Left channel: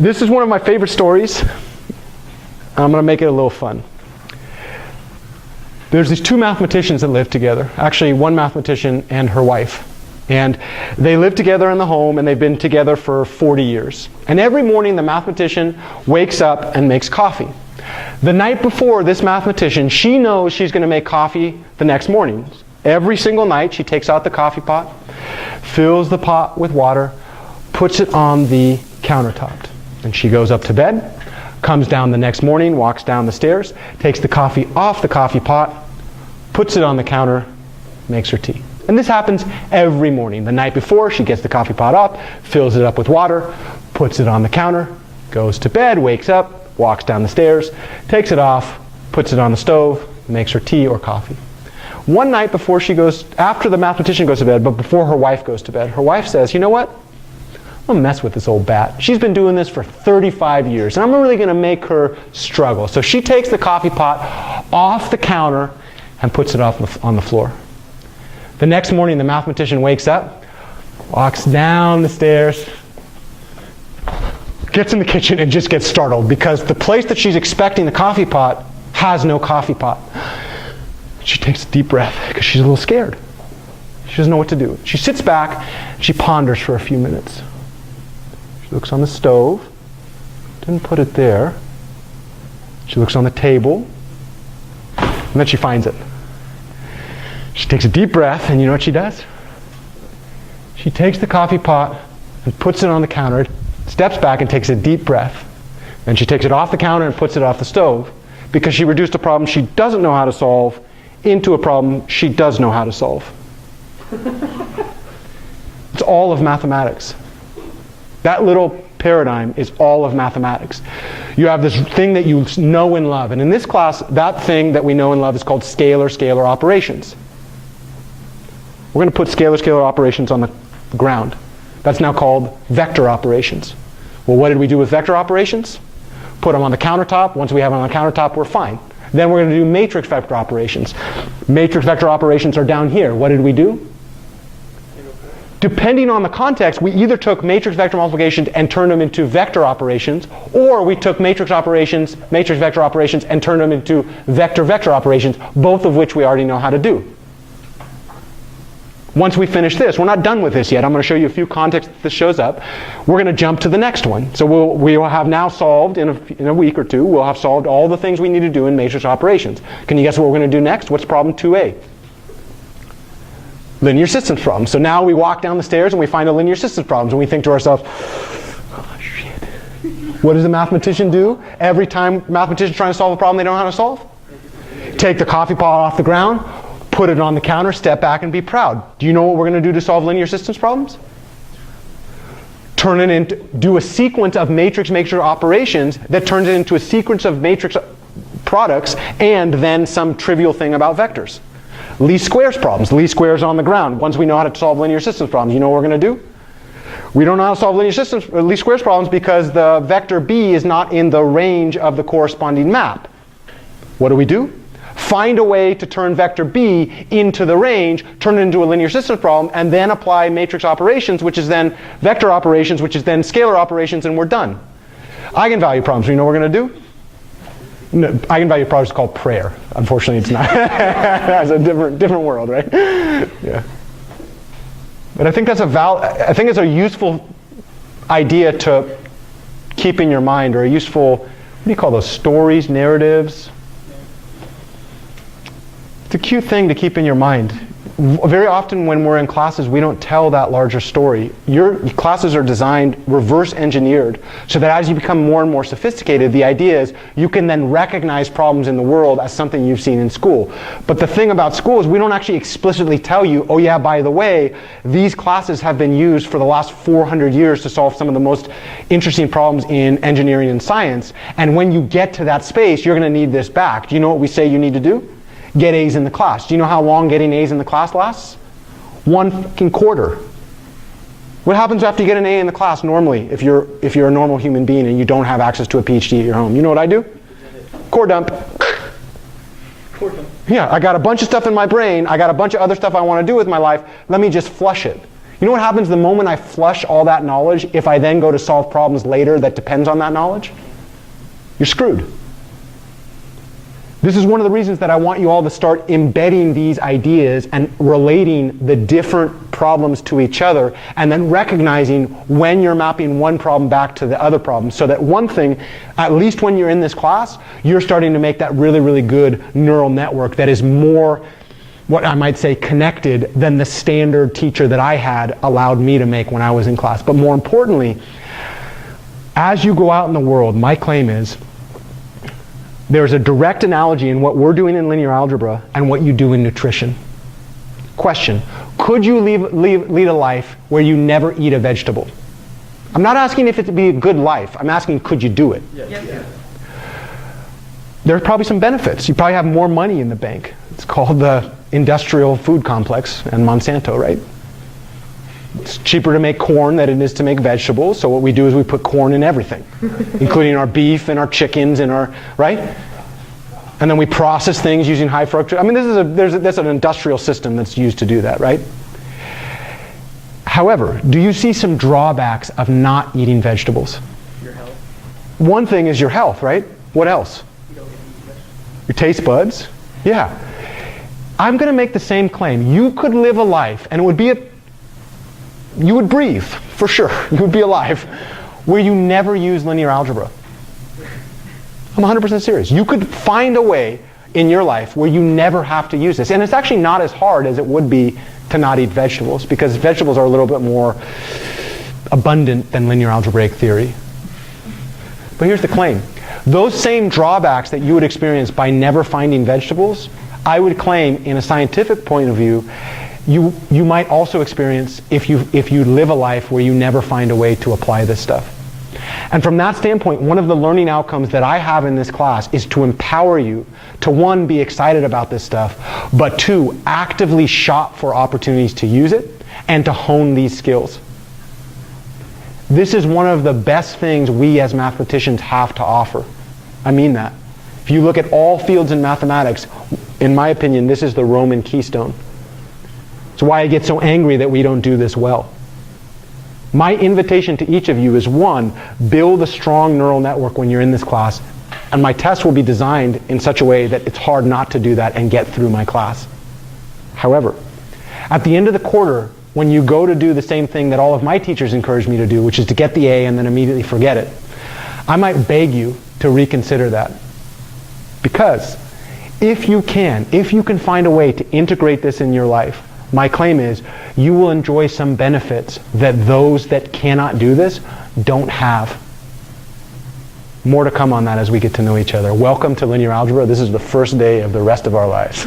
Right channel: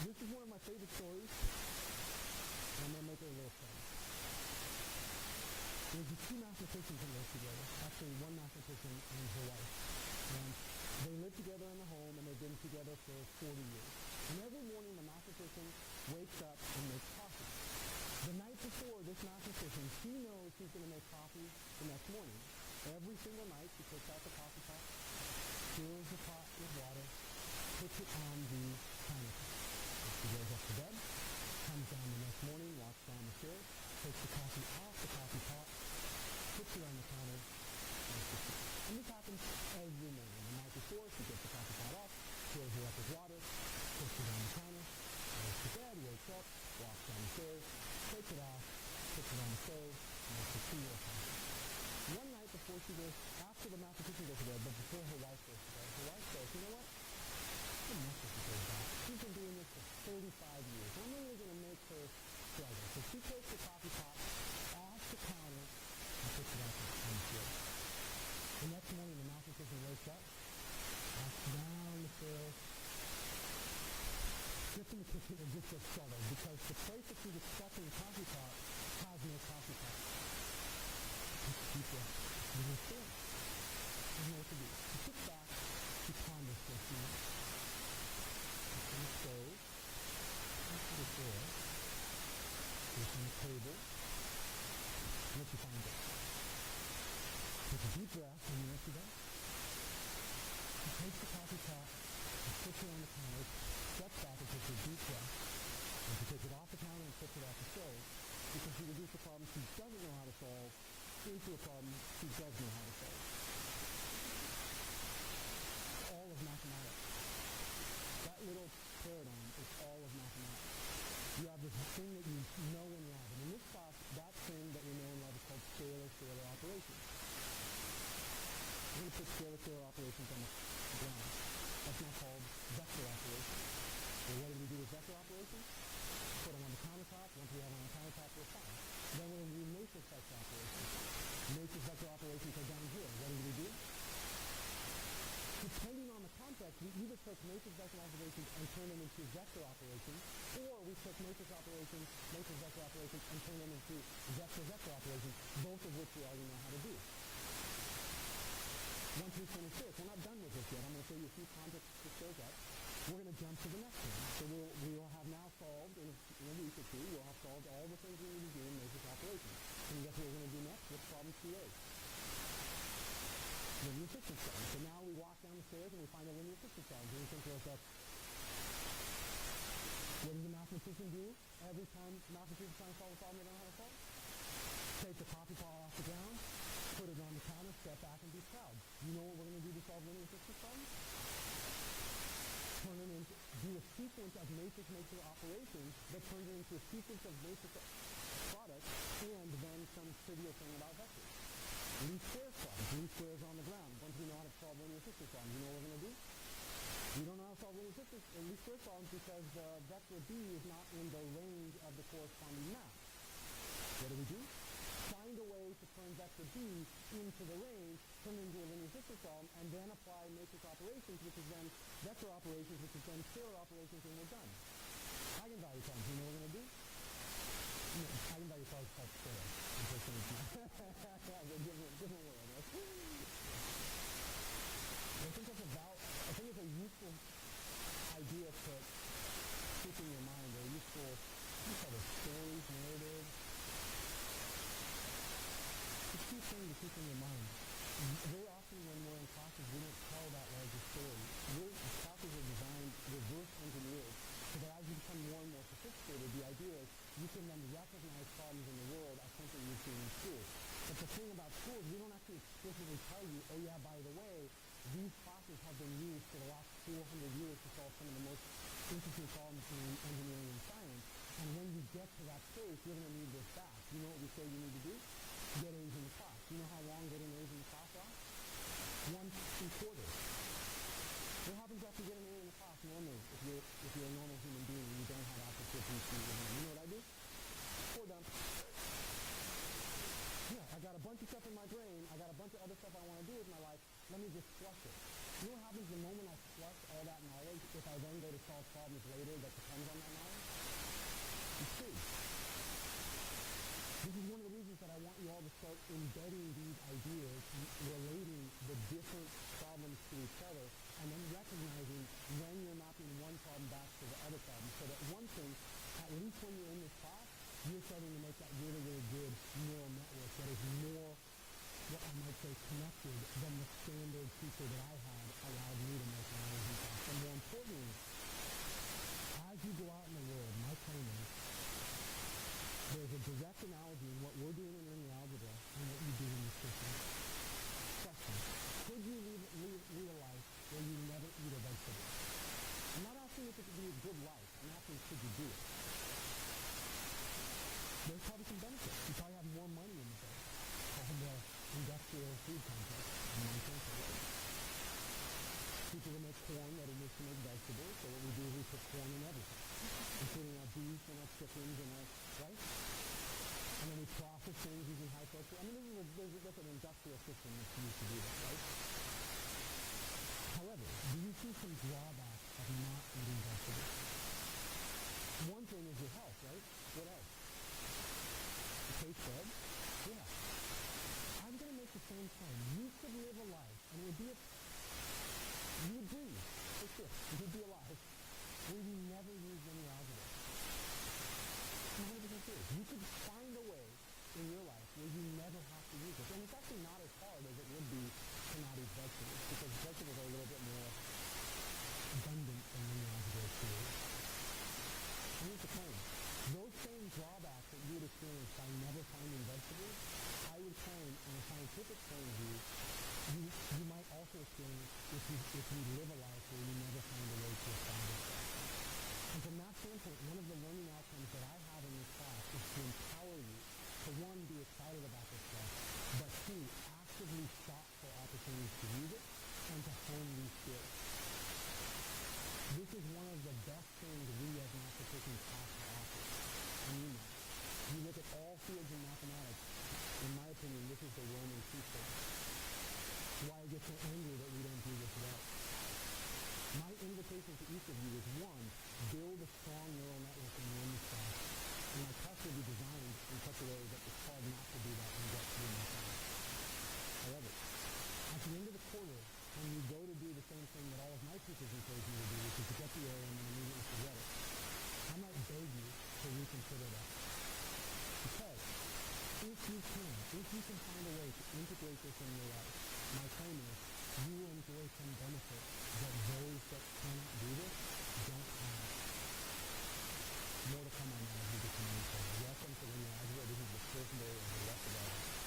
This is one of my favorite stories. I'm going to make it a little fun. There's these two mathematicians that live together. Actually, one mathematician and her wife. And they live together in the home, and they've been together for 40 years. And every morning, the mathematician wakes up and makes coffee. The night before, this mathematician, she knows she's going to make coffee the next morning. Every single night, she takes out the coffee pot, fills the pot with water, puts it on the countertop. And she goes up to bed, comes down the next morning, walks down the stairs, takes the coffee off the coffee pot, puts it on the counter, makes her tea. And this happens every morning. The night before, she gets the coffee pot up, fills it up with water, puts it on the counter, goes to bed, wakes up, walks down the stairs, takes it off, puts it on the stove, makes her tea or coffee. One night before she goes, after the mathematician goes to bed, but before her wife goes to bed, her wife says, you know what? I'm going to mess with this old bat. She's been doing this for 35 years, and I'm really going to make her struggle. So she takes the coffee pot off the counter and puts it on the floor. The next morning, the mathematician wakes up, walks down the stairs, gets in the kitchen, and just gets startled because the place that she's expecting the coffee pot has no coffee pot. She takes a deep breath because she's a little scared. She doesn't know what to do. She sits back, she ponders for a few minutes. She looks on the stove, didn't put it there. She looks on the table, and then she finds it. She takes a deep breath, and you know what she does? She takes the coffee pot and puts it on the counter, steps back and takes a deep breath. Then she takes it off the counter and puts it off the stove because she reduced a problem she doesn't know how to solve into a problem she does know how to solve. It's all of mathematics. That little paradigm is all of mathematics. You have this thing that you know and love. And in this class, that thing that we know and love is called scalar operations. We're going to put scalar operations on the ground. That's now called vector operations. Well, what did we do with vector operations? Put them on the countertop. Once we have them on the countertop, we're fine. Then we're going to do matrix vector operations. Matrix vector operations are down here. What did we do? Depending on the context, we either took matrix vector multiplications and turned them into vector operations, or we took matrix vector operations, and turned them into vector operations, both of which we already know how to do. Once we finish this, we're not done with this yet. I'm going to show you a few contexts that this shows up. We're going to jump to the next one. So we will have now solved, in a week or two, we'll have solved all the things we need to do in matrix operations. Can you guess what we're going to do next? What's problem 2a? Linear systems problem. So now we walk down the stairs and we find a linear systems problem, and we think to ourselves, oh, shit. What does a mathematician do every time a mathematician's trying to solve a problem they don't know how to solve? Take the coffee pot off the ground, put it on the counter, step back, and be proud. Do you know what we're going to do to solve linear systems problems? Do a sequence of matrix operations that turns it into a sequence of matrix products and then some trivial thing about vectors. Least squares problems. Least squares on the ground. Once we know how to solve linear systems problems, you know what we're going to do? We don't know how to solve least squares problems because the vector b is not in the range of the corresponding map. What do? Find a way to turn vector b into the range, turn it into a linear systems problem, and then apply matrix operations, which is then vector operations, which is then scalar operations, and we're done. Eigenvalue problems, you know what we're going to do? No, eigenvalue problem is called prayer. Unfortunately, it's not. It's a different world, right? Yeah. But I think that's I think it's a useful idea to keep in your mind, or a useful, what do you call those, stories, narratives? It's a cute thing to keep in your mind. Very often when we're in classes, we don't tell that larger story. Your classes are designed, reverse engineered, so that as you become more and more sophisticated, the idea is you can then recognize problems in the world as something you've seen in school. But the thing about school is we don't actually explicitly tell you, oh yeah, by the way, these classes have been used for the last 400 years to solve some of the most interesting problems in engineering and science. And when you get to that space, you're going to need this back. Do you know what we say you need to do? Get A's in the class. Do you know how long getting A's in the class lasts? 1 fucking quarter. What happens after you get an A in the class normally if you're a normal human being and you don't have access to a PhD at your home? You know what I do? Core dump. Core dump. Yeah, I got a bunch of stuff in my brain. I got a bunch of other stuff I want to do with my life. Let me just flush it. You know what happens the moment I flush all that knowledge if I then go to solve problems later that depends on that knowledge? You're screwed. This is one of the reasons that I want you all to start embedding these ideas and relating the different problems to each other, and then recognizing when you're mapping one problem back to the other problem, so that one thing, at least when you're in this class, you're starting to make that really, really good neural network that is more, what I might say, connected than the standard teacher that I had allowed me to make when I was in class. But more importantly, as you go out in the world, my claim is, there's a direct analogy in what we're doing in linear algebra and what you do in nutrition. Question, could you lead a life where you never eat a vegetable? I'm not asking if it would be a good life. I'm asking, could you do it? Yes. There's probably some benefits. You probably have more money in the bank. It's called the industrial food complex and Monsanto, right? It's cheaper to make corn than it is to make vegetables, so what we do is we put corn in everything, including our beef and our chickens and our, right? And then we process things using high fructose. I mean, there's an industrial system that's used to do that, right? However, do you see some drawbacks of not eating vegetables? Your health. One thing is your health, right? What else? You don't get to eat vegetables. Your taste buds? Yeah. I'm going to make the same claim. You could live a life, and it would be you would breathe, for sure. You would be alive, where you never use linear algebra. I'm 100% serious. You could find a way in your life where you never have to use this. And it's actually not as hard as it would be to not eat vegetables, because vegetables are a little bit more abundant than linear algebraic theory. But here's the claim. Those same drawbacks that you would experience by never finding vegetables, I would claim, in a scientific point of view, you might also experience if you live a life where you never find a way to apply this stuff. And from that standpoint, one of the learning outcomes that I have in this class is to empower you to, one, be excited about this stuff, but two, actively shop for opportunities to use it and to hone these skills. This is one of the best things we as mathematicians have to offer. I mean that. If you look at all fields in mathematics, in my opinion, this is the Roman keystone. It's why I get so angry that we don't do this well. My invitation to each of you is, one, build a strong neural network when you're in this class, and my tests will be designed in such a way that it's hard not to do that and get through my class. However, at the end of the quarter, when you go to do the same thing that all of my teachers encourage me to do, which is to get the A and then immediately forget it, I might beg you to reconsider that. Because if you can find a way to integrate this in your life, my claim is you will enjoy some benefits that those that cannot do this don't have. More to come on that as we get to know each other. Welcome to linear algebra. This is the first day of the rest of our lives.